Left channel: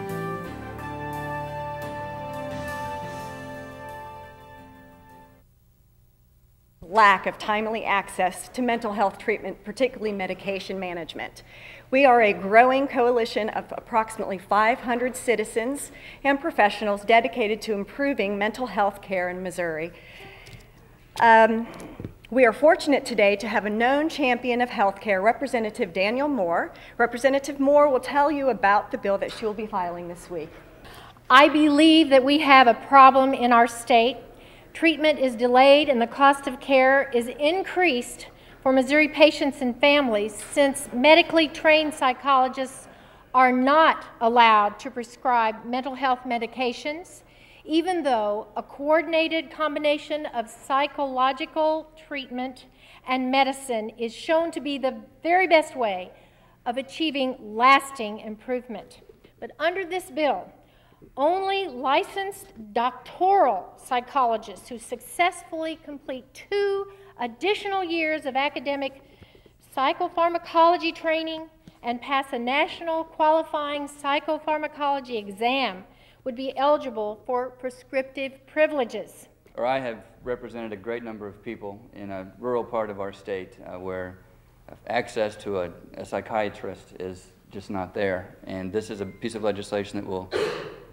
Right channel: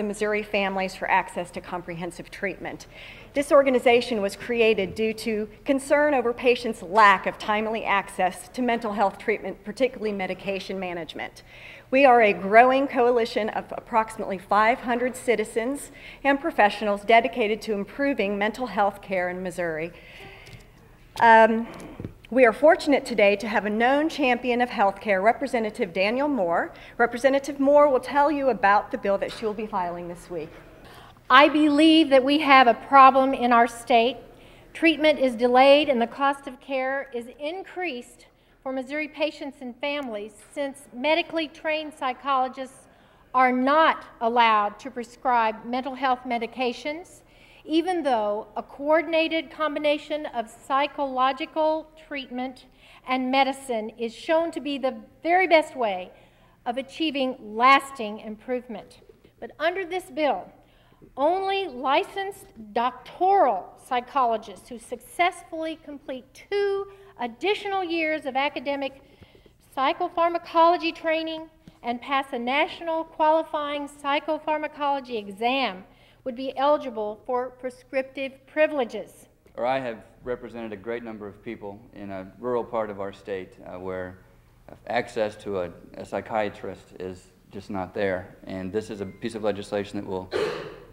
the Missouri Families for Access to Comprehensive Treatment. This organization was created due to concern over patients' lack of timely access to mental health treatment, particularly medication management. We are a growing coalition of approximately 500 citizens and professionals dedicated to improving mental health care in Missouri. We are fortunate today to have a known champion of healthcare, Representative Daniel Moore. Representative Moore will tell you about the bill that she will be filing this week. I believe that we have a problem in our state. Treatment is delayed and the cost of care is increased for Missouri patients and families since medically trained psychologists are not allowed to prescribe mental health medications, even though a coordinated combination of psychological treatment and medicine is shown to be the very best way of achieving lasting improvement. But under this bill, only licensed doctoral psychologists who successfully complete 2 additional years of academic psychopharmacology training and pass a national qualifying psychopharmacology exam would be eligible for prescriptive privileges. I have represented a great number of people in a rural part of our state where access to a psychiatrist is just not there. And this is a piece of legislation that will,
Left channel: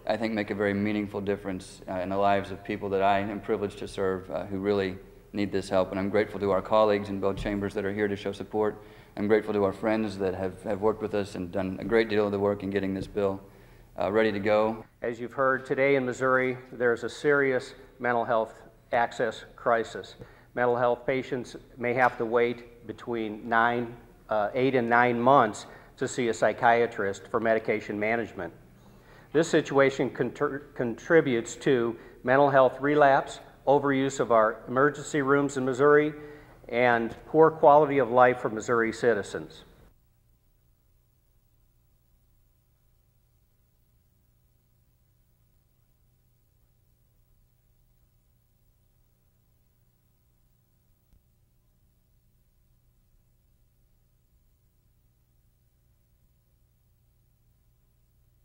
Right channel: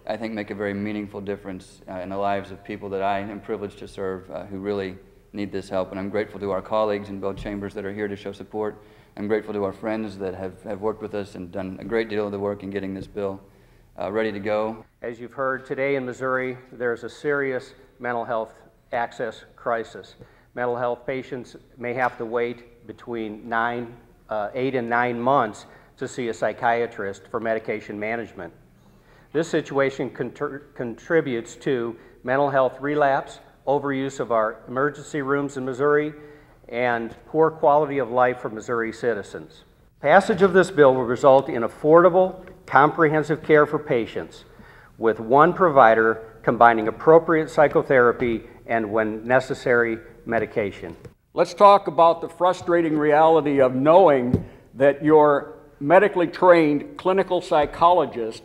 I think, make a very meaningful difference in the lives of people that I am privileged to serve who really need this help. And I'm grateful to our colleagues in both chambers that are here to show support. I'm grateful to our friends that have worked with us and done a great deal of the work in getting this bill ready to go. As you've heard, today in Missouri, there's a serious mental health access crisis. Mental health patients may have to wait between 8 and 9 months to see a psychiatrist for medication management. This situation contributes to mental health relapse, overuse of our emergency rooms in Missouri, and poor quality of life for Missouri citizens. Passage of this bill will result in affordable, comprehensive care for patients with one provider combining appropriate psychotherapy and, when necessary, medication. Let's talk about the frustrating reality of knowing that your medically trained clinical psychologist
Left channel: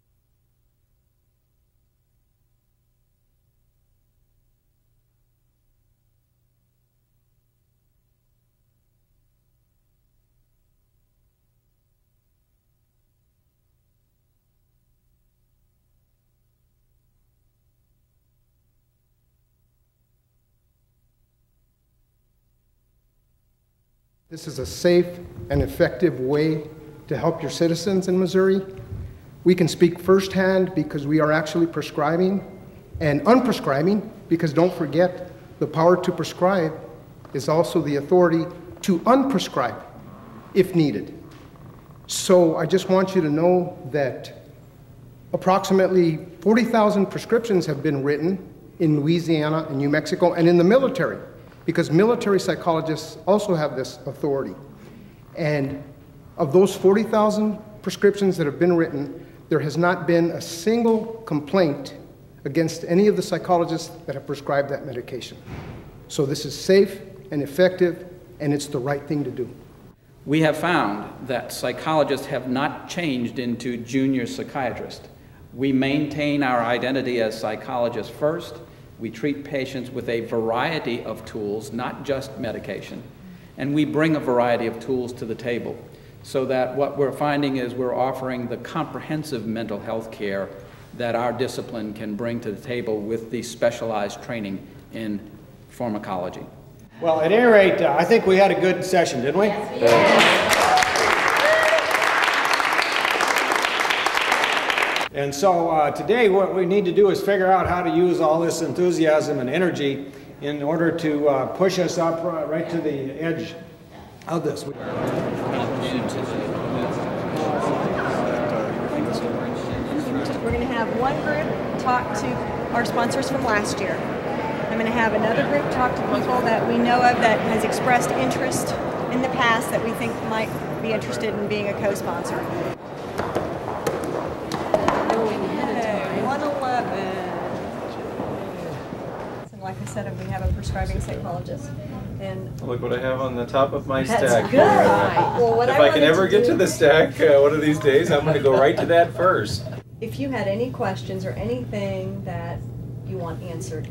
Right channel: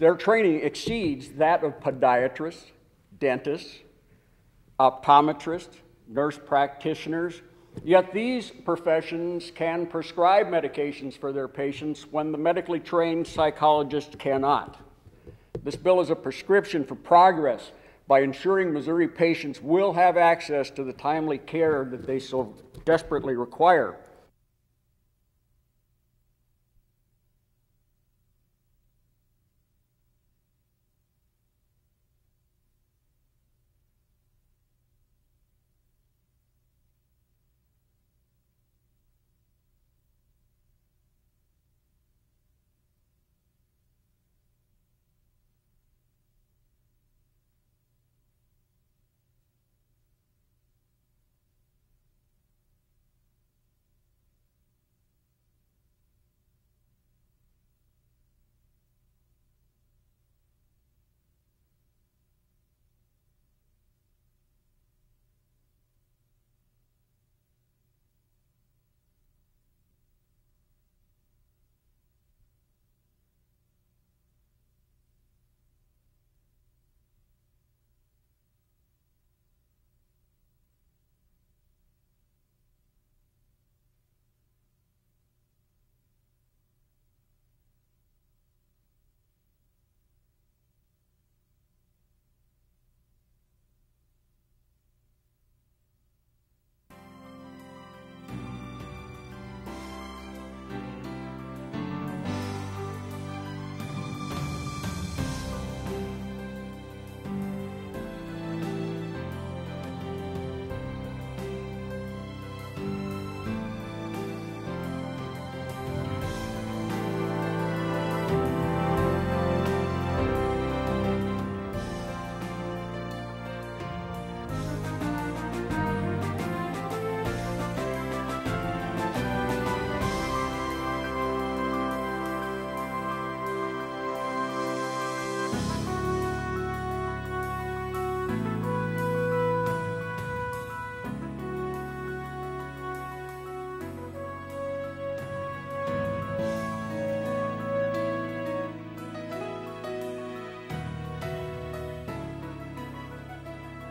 their training exceeds that of podiatrists, dentists, optometrists, nurse practitioners. Yet these professions can prescribe medications for their patients when the medically trained psychologists cannot. This bill is a prescription for progress by ensuring Missouri patients will have access to the timely care that they so desperately require. This is a safe and effective way to help your citizens in Missouri. We can speak firsthand because we are actually prescribing and unprescribing, because don't forget, the power to prescribe is also the authority to unprescribe if needed. So I just want you to know that approximately 40,000 prescriptions have been written in Louisiana and New Mexico and in the military, because military psychologists also have this authority. And of those 40,000 prescriptions that have been written, there has not been a single complaint against any of the psychologists that have prescribed that medication. So this is safe and effective, and it's the right thing to do. We have found that psychologists have not changed into junior psychiatrists. We maintain our identity as psychologists first. We treat patients with a variety of tools, not just medication, and we bring a variety of tools to the table, so that what we're finding is we're offering the comprehensive mental health care that our discipline can bring to the table with the specialized training in pharmacology. Well, at any rate, I think we had a good session, didn't we? And so today what we need to do is figure out how to use all this enthusiasm and energy in order to push us up right to the edge of this. We're going to have one group talk to our sponsors from last year. I'm going to have another group talk to people that we know of that has expressed interest in the past that we think might be interested in being a co-sponsor. 111. Like I said, we have a prescribing psychologist. And Look what I have on the top of my That's stack good. here. Well, what If I I can wanted ever to get do- to the stack one of these days, I'm going to go right to that first. If you had any questions or anything that you want answered,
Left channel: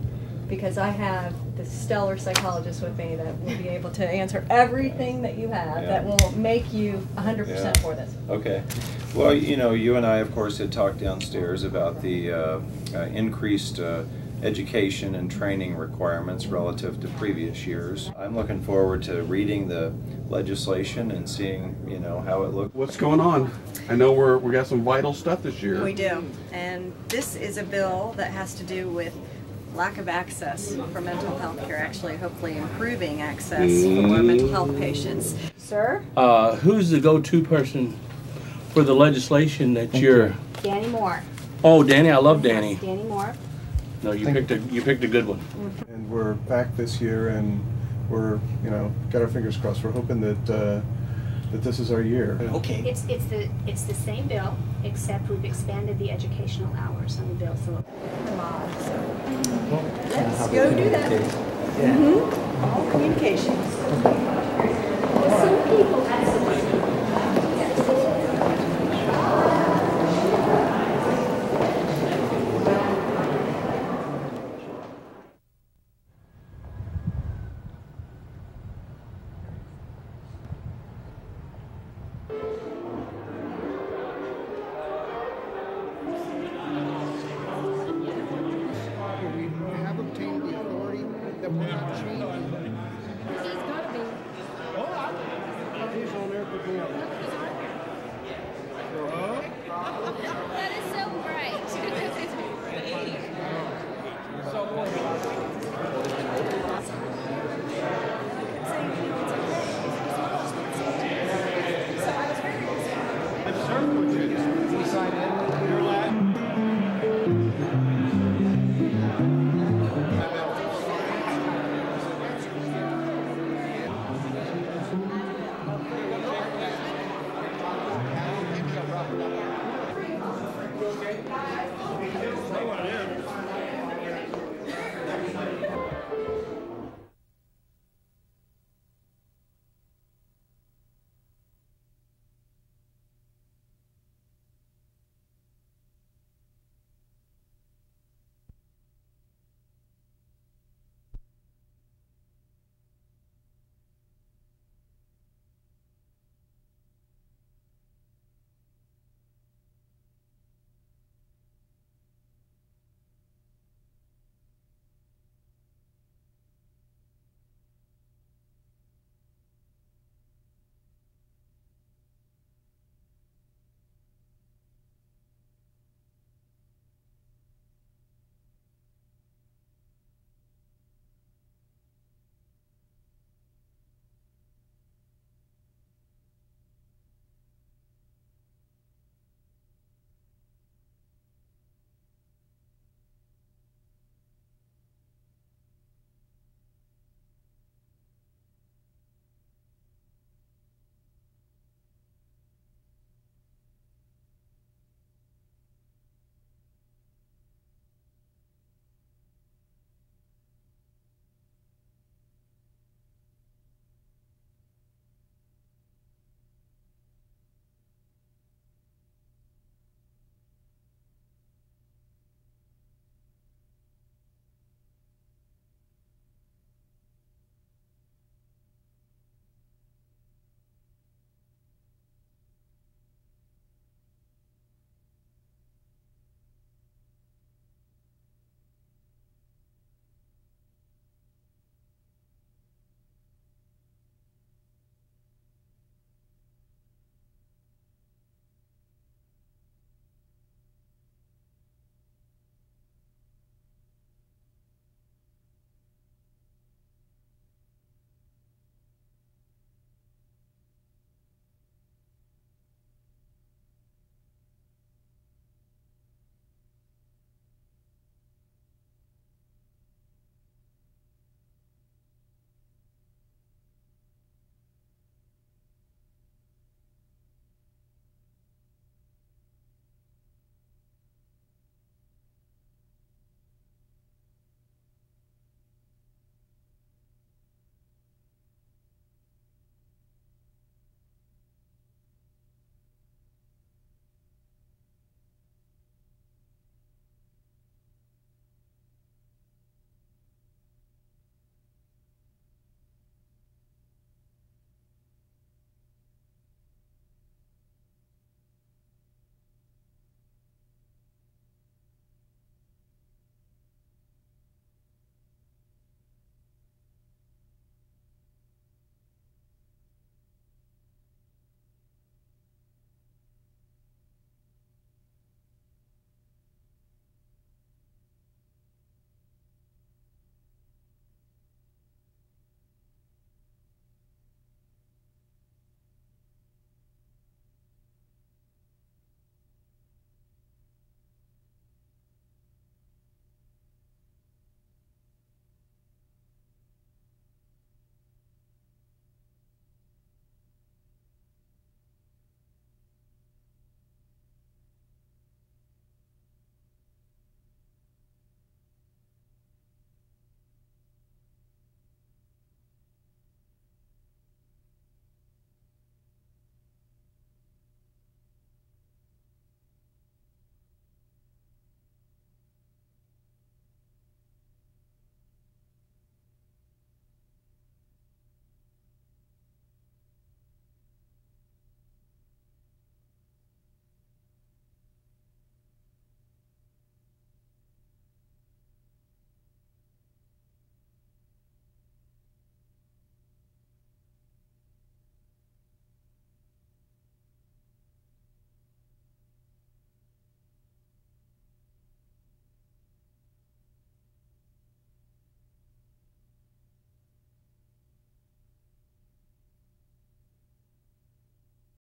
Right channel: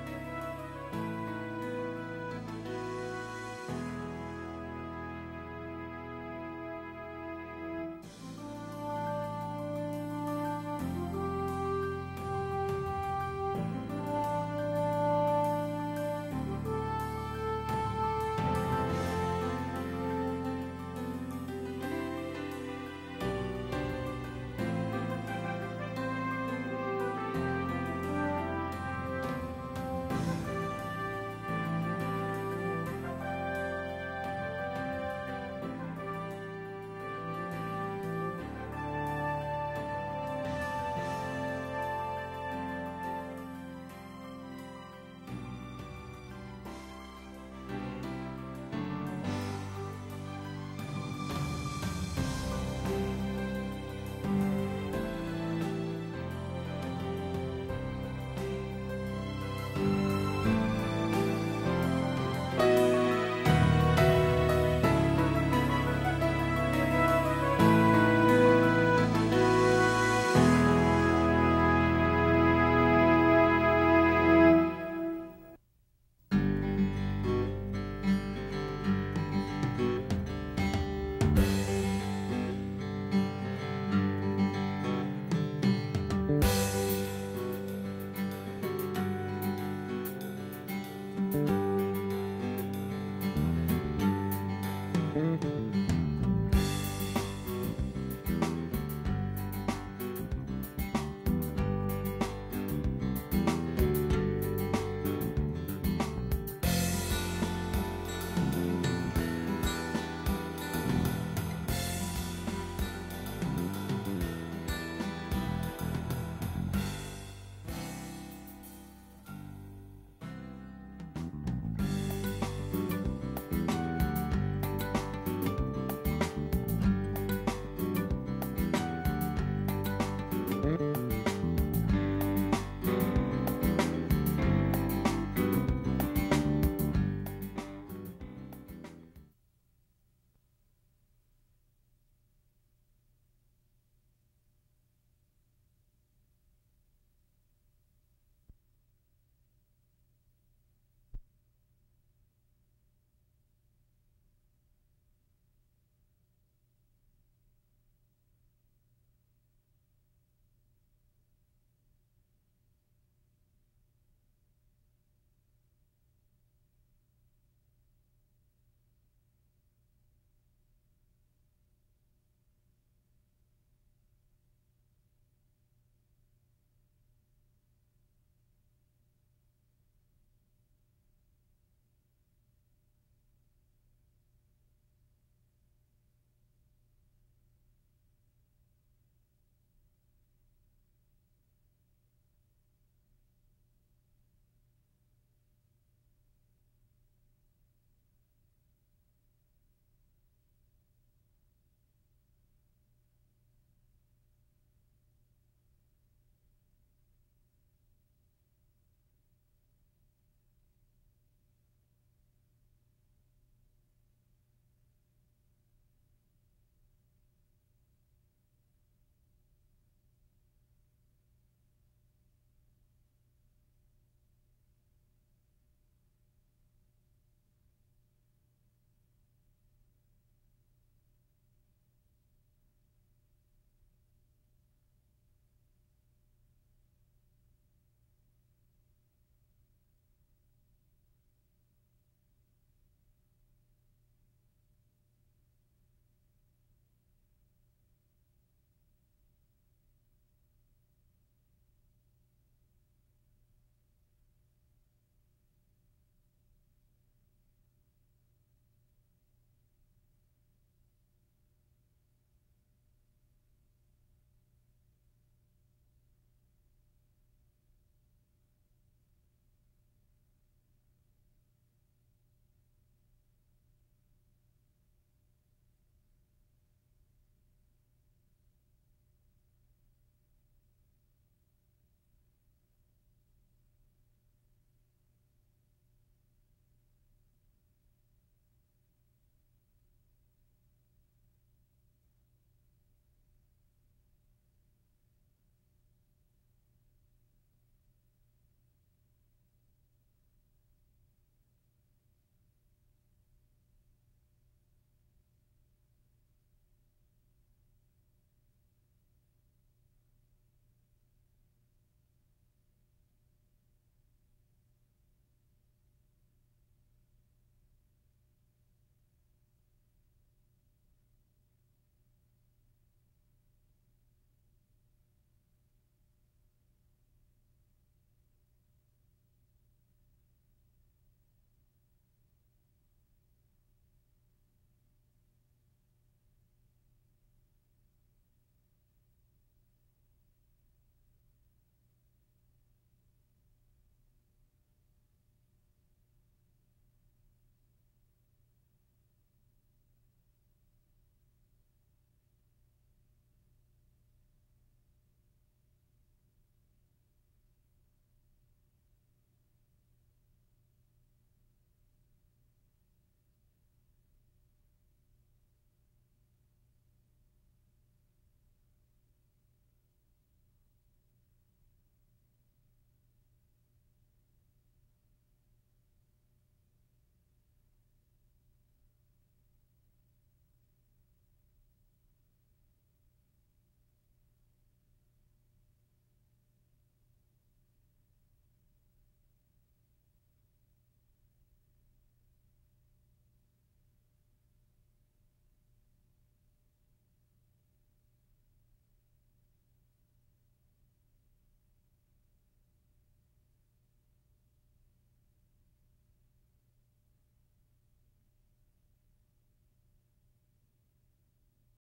because I have the stellar psychologist with me that will be able to answer everything that you have, that will make you 100% for this. Okay. Well, you know, you and I, of course, had talked downstairs about the increased education and training requirements relative to previous years. I'm looking forward to reading the legislation and seeing, you know, how it looks. What's going on? I know we got some vital stuff this year. We do, and this is a bill that has to do with lack of access for mental health care, actually hopefully improving access for mental health patients. Sir? Who's the go-to person for the legislation that you're... Danny Moore. Oh, Danny, I love Danny. Danny Moore. No, you picked a good one. And we're back this year, and we're, you know, got our fingers crossed. We're hoping that that this is our year. Okay. It's the same bill, except we've expanded the educational